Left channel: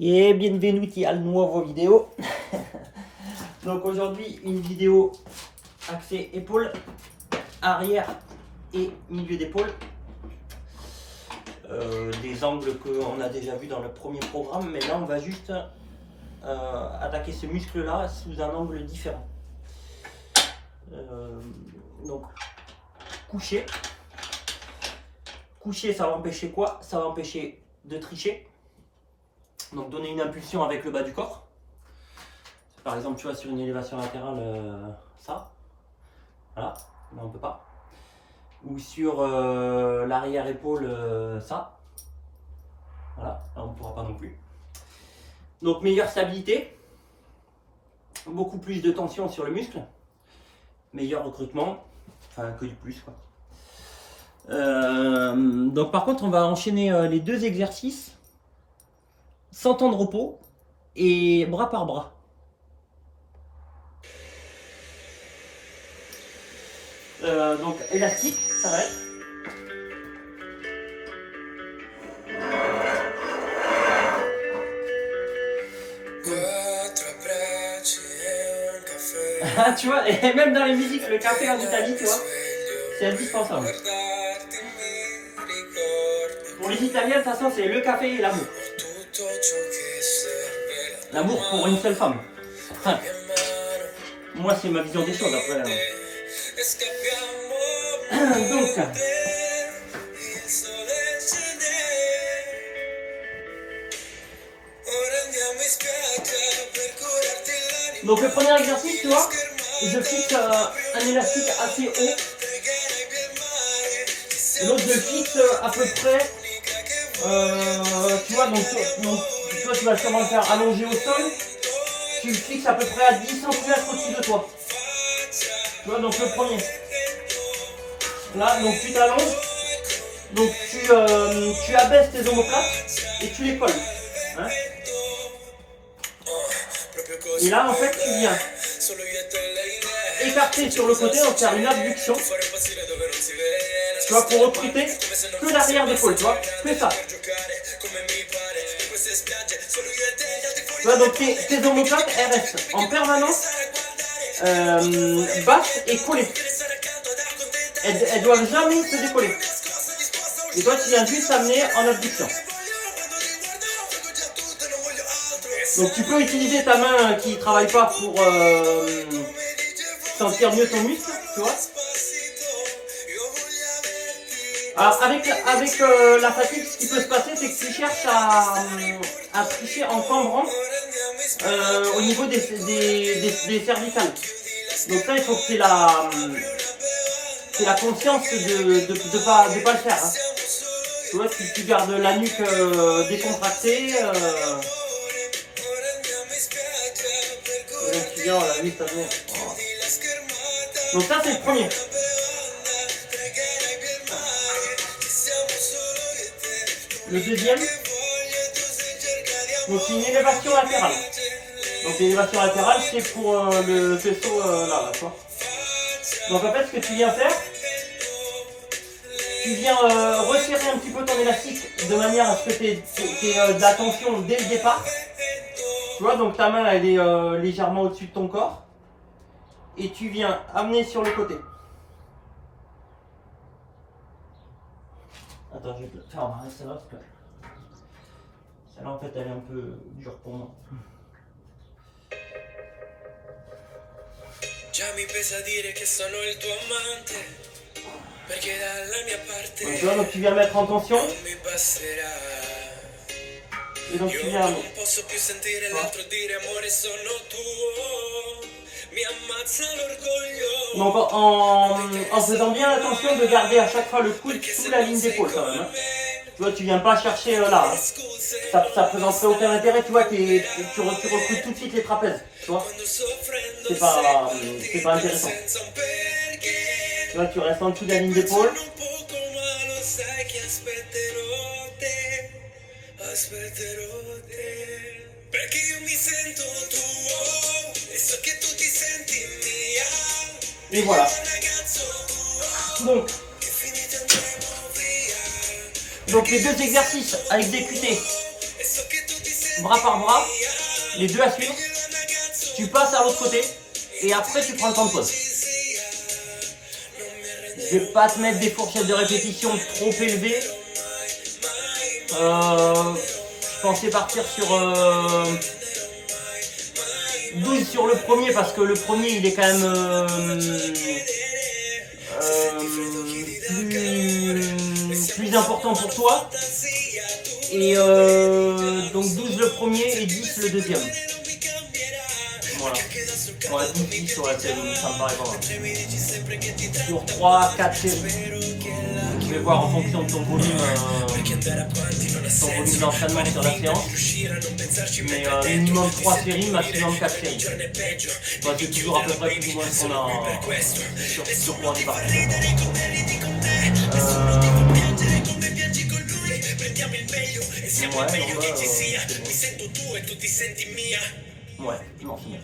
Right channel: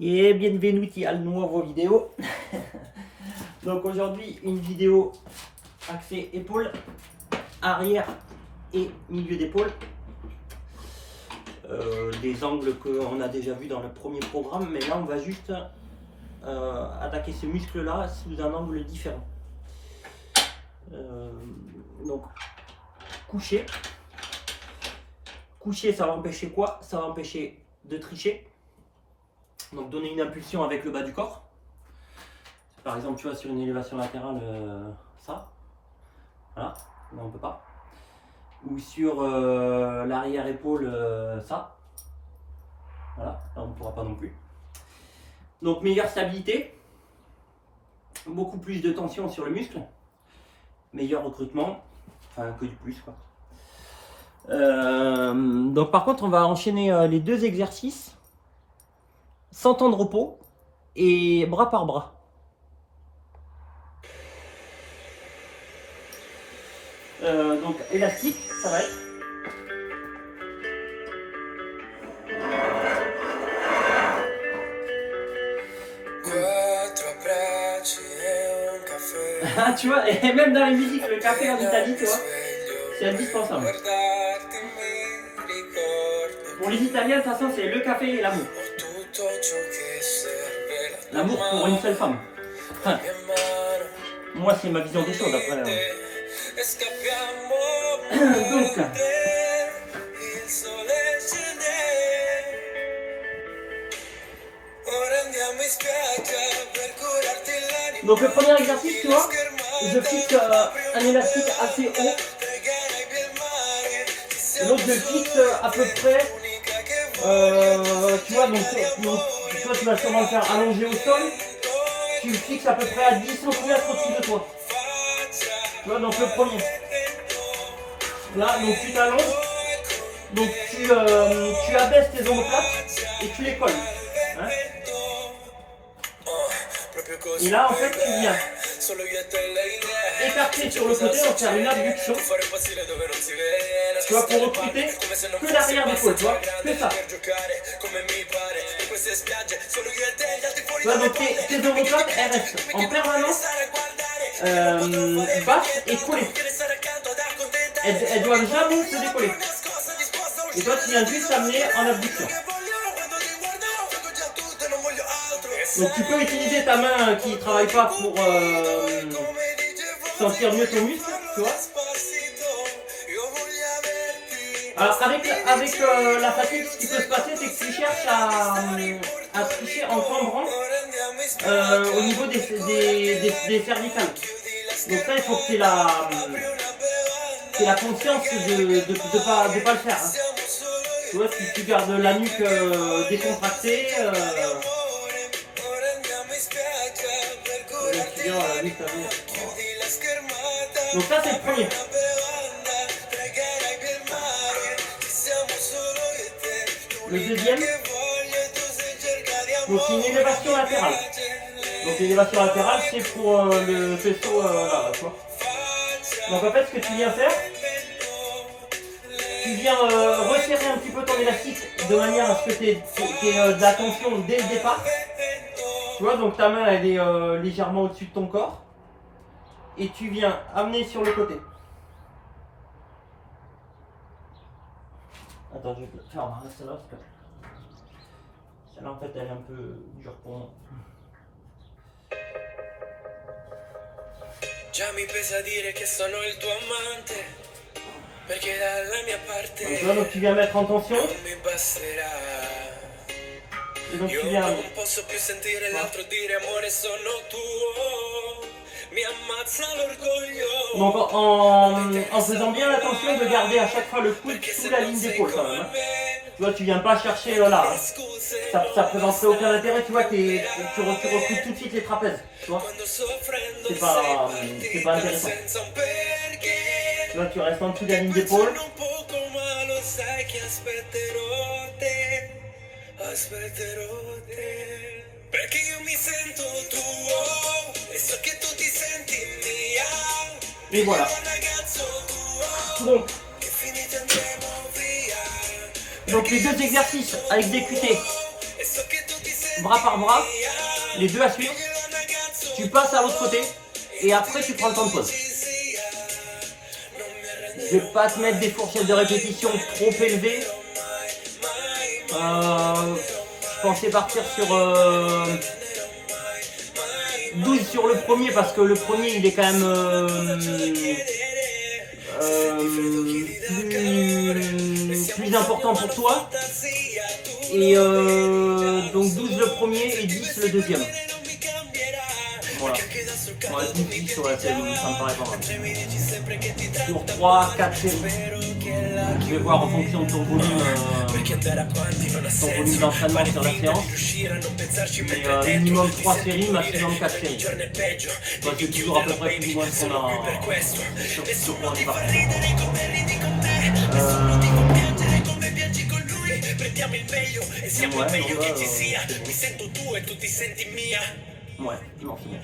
Et bienvenuti al nuovo vidéo. Donc aujourd'hui une vidéo axée épaules, arrière et milieu d'épaule. Des angles qu'on a déjà vu dans le premier programme, mais là on va juste attaquer ce muscle là sous un angle différent. Donc coucher, ça va empêcher quoi? Ça va empêcher de tricher. Donc donner une impulsion avec le bas du corps. Par exemple, tu vois, sur une élévation latérale, ça. Voilà, là on peut pas. Ou sur l'arrière-épaule, ça. Voilà, là on ne pourra pas non plus. Donc meilleure stabilité. Beaucoup plus de tension sur le muscle. Meilleur recrutement. Enfin, que du plus, quoi. Donc par contre, on va enchaîner les deux exercices. Sans temps de repos et bras par bras. Donc élastique, ça va être. Ah, tu vois, et même dans les musiques, le café en Italie, tu vois, c'est indispensable. Pour les Italiens, de toute façon, c'est le café et l'amour. L'amour pour une seule femme. Enfin, moi, c'est ma vision des choses après. Donc le premier exercice, tu vois, je fixe un élastique assez haut. Et l'autre, je le fixe à peu près. Tu vois, donc toi, tu vas sûrement le faire allonger au sol. Tu le fixes à peu près à 10 cm au-dessus de toi. Tu vois, donc le premier. Là, donc tu t'allonges. Donc tu abaisses tes omoplates et tu les colles. Hein? Et là, en fait, tu viens écarter sur le côté, donc faire une abduction. Tu vois, pour recruter que l'arrière d'épaule, tu vois, que ça. Tu vois, donc tes omoplates, elles restent en permanence basses et collées. Elles doivent jamais se décoller. Et toi, tu viens juste amener en abduction. Donc tu peux utiliser ta main qui ne travaille pas pour sentir mieux ton muscle, tu vois. Alors avec la fatigue, ce qui peut se passer, c'est que tu cherches à tricher en cambrant au niveau des cervicales. Donc ça, il faut que tu aies la conscience de pas le faire. Hein. Tu vois, tu gardes la nuque décontractée. On l'a vu, ça vient. Donc ça, c'est le premier. Le deuxième, donc c'est une élévation latérale. Donc l'élévation latérale, c'est pour le faisceau là, tu vois. Donc en fait, ce que tu viens faire, tu viens resserrer un petit peu ton élastique de manière à ce que tu aies de la tension dès le départ. Tu vois, donc ta main, elle est légèrement au-dessus de ton corps. Et tu viens amener sur le côté. Attends, je vais te faire marrer celle-là parce que celle-là en fait elle est un peu dure pour moi. Donc là, donc tu viens mettre en tension. Et donc tu viens. Donc en faisant bien attention de garder à chaque fois le coude sous la ligne d'épaule quand même. Hein. Tu vois, tu viens pas chercher là. Hein. Ça présenterait aucun intérêt, tu vois, tu recrutes tout de suite les trapèzes. Tu vois. C'est pas intéressant. Tu vois, tu restes en dessous de la ligne d'épaule. Et voilà. Donc les deux exercices à exécuter bras par bras, les deux à suivre. Tu passes à l'autre côté et après tu prends le temps de pause. Je vais pas te mettre des fourchettes de répétition trop élevées. Je pensais partir sur 12 sur le premier parce que le premier il est quand même plus important pour toi. Et donc 12 le premier et 10 le deuxième. Voilà. Ouais, 12-10, ouais, ça me paraît pas mal. Sur 3-4 séries. Je vais voir en fonction de ton volume d'entraînement sur la séance. Mais minimum 3 séries, maximum 4 séries. Bah, c'est toujours à peu près plus ou moins ce qu'on a sur quoi on est parti. Ouais, non, bah, c'est bon. Ouais, non, c'est bon.